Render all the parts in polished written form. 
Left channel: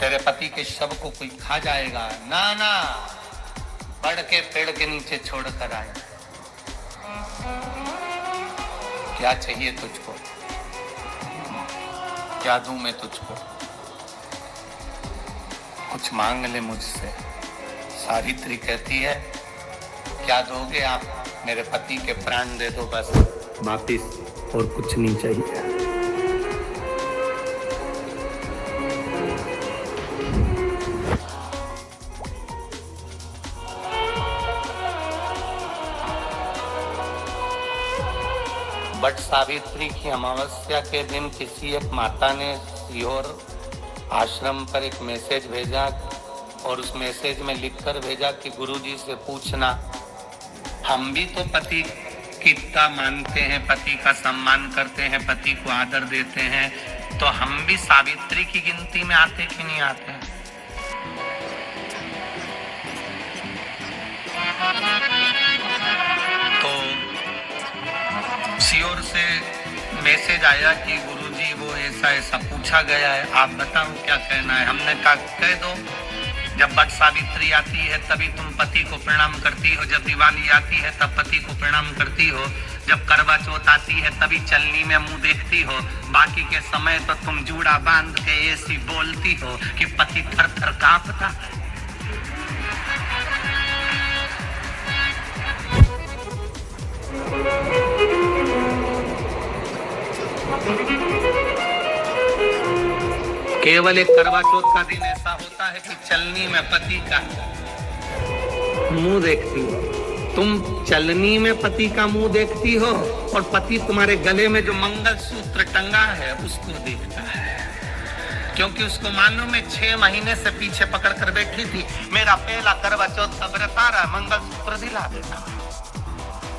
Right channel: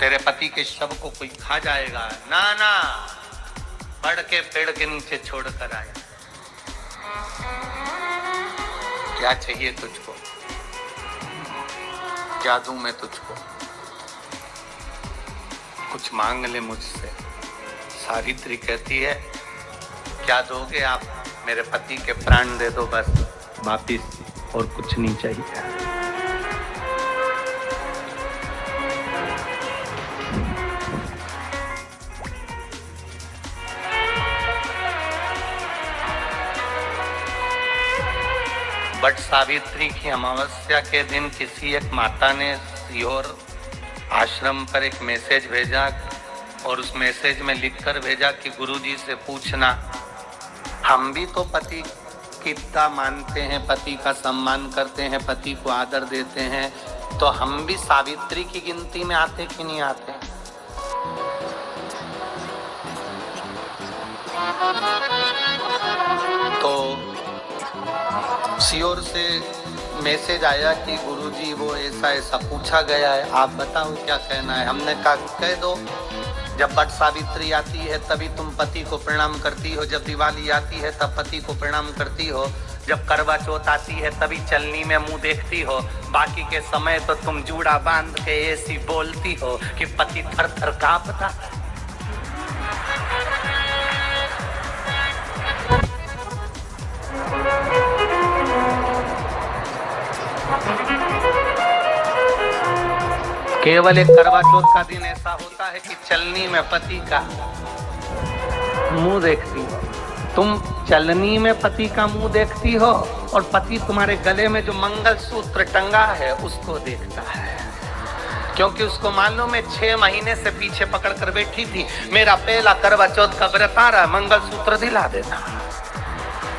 तेरे पति के शव को कोई खा जाएगा। ना ना, बढ़ के पेड़ के नीचे छोड़ कर आया। क्या चाहिए तुझको? क्या दूं मैं तुझको? कुछ मांग ले मुझसे। सावित्री कहती है, क्या दोगे आप? मेरे पति के प्राण दे दो बस, वापिस, और कुछ नहीं चाहिए। बट सावित्री की अमावस्या के दिन किसी एक माता ने सीहोर आश्रम पर एक मैसेज भेजा और उस मैसेज में लिखकर भेजा कि गुरुजी से पूछना, हम भी तो पति कितना मानते हैं, पति का सम्मान करते हैं, पति को आदर देते हैं, तो हम भी सावित्री की गिनती में आते कि नहीं आते? तो सीहोर से मैसेज आया कि गुरुजी वो ऐसा ऐसा पूछा गया है, आप बताओ क्या कहना है। हमने कहा कह दो, जब बट सावित्री आती है तभी तुम पति को प्रणाम करती हो, जब दिवाली आती है तब पति को प्रणाम करती हो, जब करवा चौथ आती है तभी चलनी में मुंह देखती हो, बाकी के समय तो तुम जूड़ा बांध के ऐसी बोलती हो कि पति थर थर कांपता। केवल एक करवा चौथ का दिन ऐसा होता है कि चलनी में पति का मुंह देखती हो, तुम चलनी में पति का मुंह देखती हो और पति तुम्हारे गले में जो मंगलसूत्र टंगा है उसको देखता है, क्योंकि उसको मालूम है 6 महीने से पीछे पकड़ कर बैठी थी, मेरा पहला करवा चौथ का व्रत आ रहा, मंगलसूत्र दिला देना,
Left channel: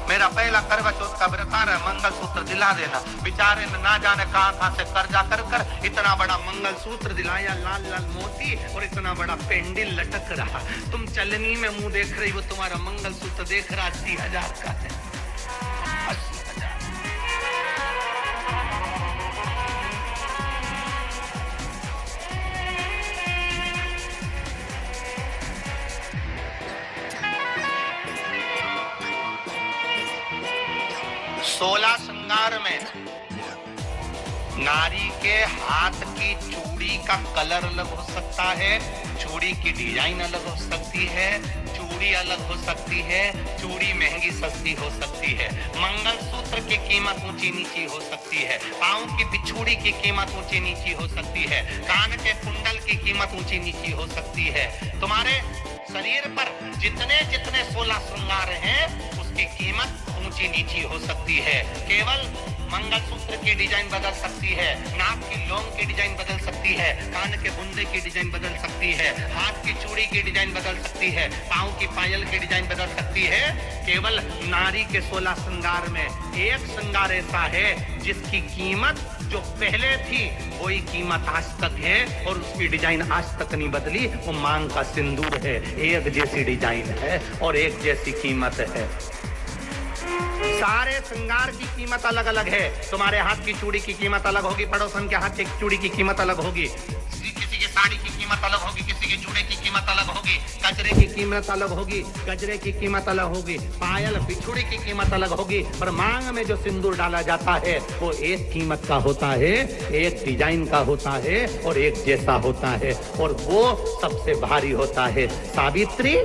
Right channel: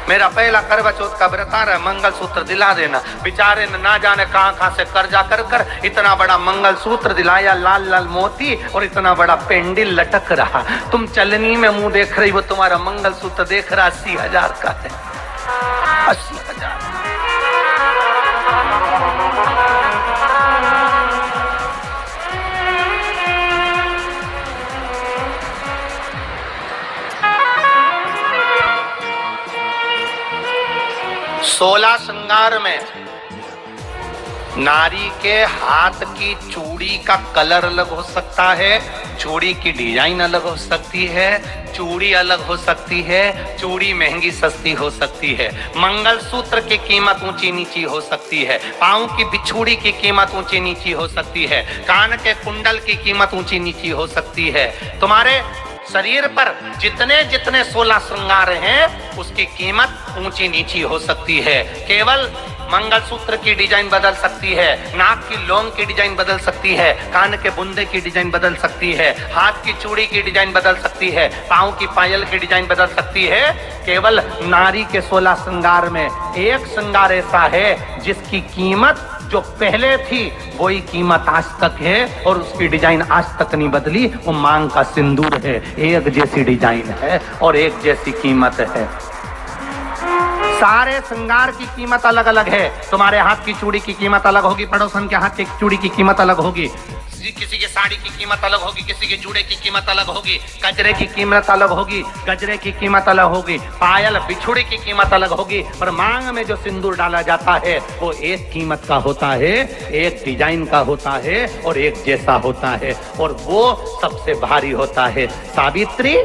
मेरा पहला करवा चौथ का व्रत आ रहा है, मंगलसूत्र दिला देना। बेचारे ने ना जाने कहां से कर्जा कर कर इतना बड़ा मंगलसूत्र दिलाया, लाल लाल मोती और इतना बड़ा पेंडिल लटक रहा। तुम चलनी में मुंह देख रही हो, तुम्हारा मंगलसूत्र देख रहा 80,000 का है, 80,000। 16 श्रृंगार में नारी के हाथ की चूड़ी का कलर अलग हो सकता है, चूड़ी की डिजाइन अलग हो सकती है, चूड़ी अलग हो सकती है, चूड़ी महंगी सस्ती हो सकती है, मंगलसूत्र की कीमत ऊंची नीची हो सकती है, पांव की बिछुड़ी की कीमत ऊंची नीची हो सकती है, कान के कुंडल की कीमत ऊंची नीची हो सकती है। तुम्हारे शरीर पर जितने जितने 16 श्रृंगार हैं उसकी कीमत ऊंची नीची हो सकती है। केवल मंगलसूत्र की डिजाइन बदल सकती है, नाक की लौंग की डिजाइन बदल सकती है, कान के बुंदे की डिजाइन बदल सकती है, हाथ की चूड़ी की डिजाइन बदल सकती है, पांव की पायल की डिजाइन बदल सकती है। केवल नारी के 16 श्रृंगार में एक श्रृंगार ऐसा है जिसकी कीमत जो पहले थी वही कीमत आज तक है और उसकी डिजाइन आज तक नहीं बदली, वो मांग का सिंदूर है। एक जैसी डिजाइन है और एक जैसी कीमत है। सारे श्रृंगार की कीमत अलग अलग है। तुम्हारे हाथ की चूड़ी की कीमत अलग होगी, पड़ोसन के हाथ की चूड़ी की कीमत अलग होगी, किसी के साड़ी की कीमत अलग होगी, किसी के जूड़े की कीमत अलग होगी, गजरे की कीमत अलग होगी, गजरे की कीमत अलग होगी, पायल बिछुड़ी की कीमत अलग होगी, पर मांग में जो सिंदूर डाला जाता है वो एक कीमत का होता है, एक डिजाइन का होता है और एक जैसा होता है और वो सबसे भारी होता है। सावित्री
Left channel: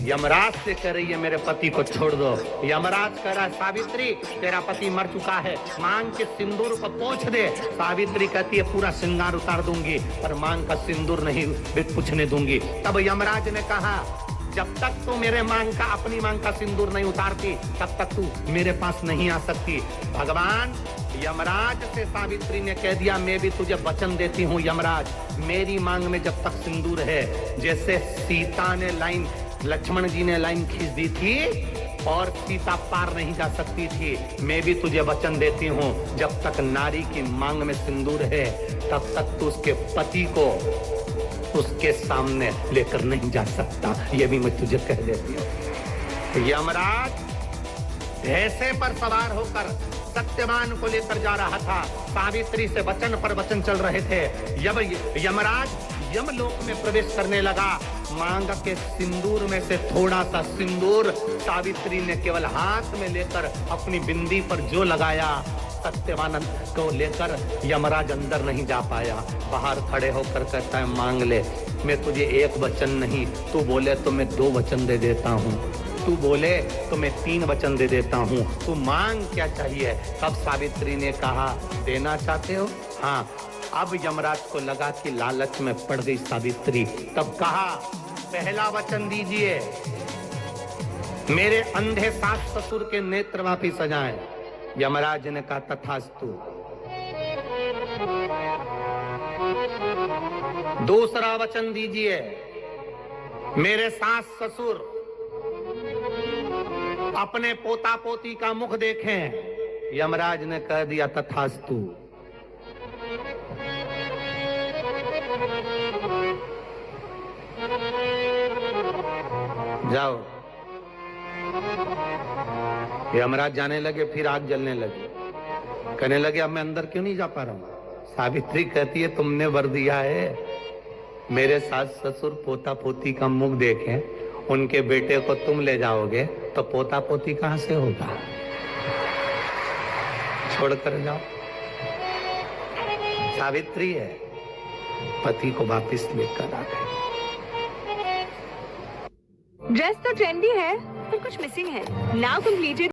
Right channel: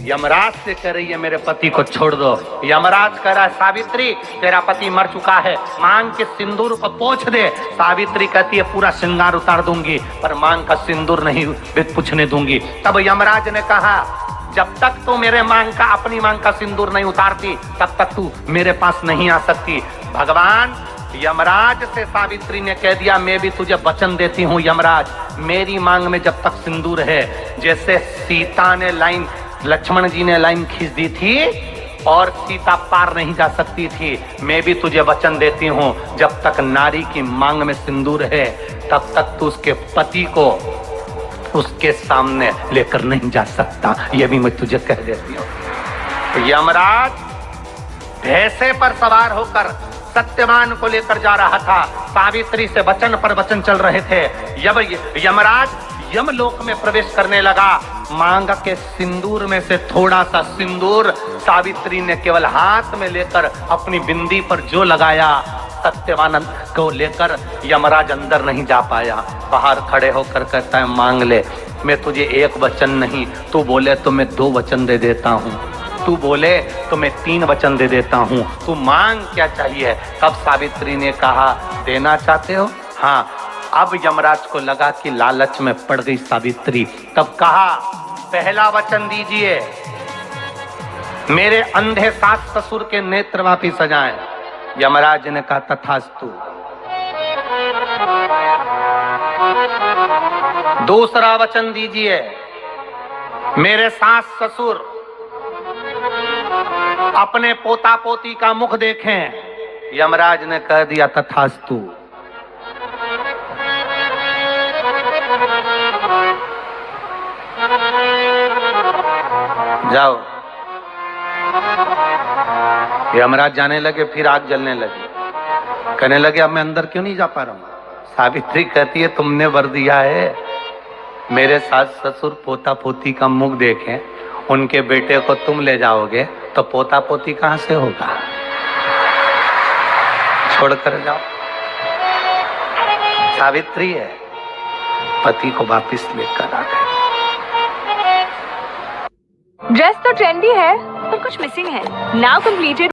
यमराज से कह रही है मेरे पति को छोड़ दो। यमराज कह रहा है सावित्री तेरा पति मर चुका है, मांग के सिंदूर को पोंछ दे। सावित्री कहती है पूरा श्रृंगार उतार दूंगी पर मांग का सिंदूर नहीं पूछने दूंगी। तब यमराज ने कहा जब तक तू मेरे मांग का अपनी मांग का सिंदूर नहीं उतारती तब तक तू मेरे पास नहीं आ सकती। भगवान यमराज से सावित्री ने कह दिया मैं भी तुझे वचन देती हूँ यमराज, मेरी मांग में जब तक सिंदूर है, जैसे सीता ने लाइन लक्ष्मण जी ने लाइन खींच दी थी और सीता पार नहीं जा सकती थी, मैं भी तुझे वचन देती हूँ जब तक नारी की मांग में सिंदूर है तब तक तू उसके पति को उसके सामने लेकर नहीं जा सकता। ये भी मैं तुझे कह देती हूँ। यमराज भैंसे पर सवार होकर सत्यवान को लेकर जा रहा था, सावित्री से वचन पर वचन चल रहे थे। यमराज यमलोक में प्रवेश करने लगा, मांग के सिंदूर में से थोड़ा सा सिंदूर सावित्री ने केवल हाथ में लेकर अपनी बिंदी पर जो लगाया, सत्यवानंद को लेकर यमराज अंदर नहीं जा पाया। बाहर खड़े होकर कहता है, मांग ले, मैं तुझे एक वचन नहीं, तू बोले तो मैं 2 वचन दे देता हूँ, तू बोले तो मैं 3 वचन दे देता हूँ, तू मांग क्या चाहिए। तब सावित्री ने कहा, देना चाहते हो? हाँ। अब यमराज को लगा कि लालच में पड़ गई सावित्री। तब कहा, पहला वचन दीजिए, मेरे अंधे सास ससुर के नेत्र वापिस सजाएं। यमराज ने कहा, तथास्तु। दूसरा वचन दीजिए, मेरे सास ससुर अपने पोता पोती का मुख देखें। यमराज ने कह दिया, तथास्तु। जाओ। यमराज जाने लगे, फिर आग जलने लगी। कहने लगे, अब मैं अंदर क्यों नहीं जा पा रहा हूं। सावित्री कहती है, तुमने वर दिया है, मेरे सास ससुर पोता पोती का मुख देखें, उनके बेटे को तुम ले जाओगे तो पोता पोती कहां से होगा, छोड़कर जाओ। सावित्री है, पति को वापिस लेकर आ गए। ड्रेस तो ट्रेंडी है पर कुछ मिसिंग है। Now completed.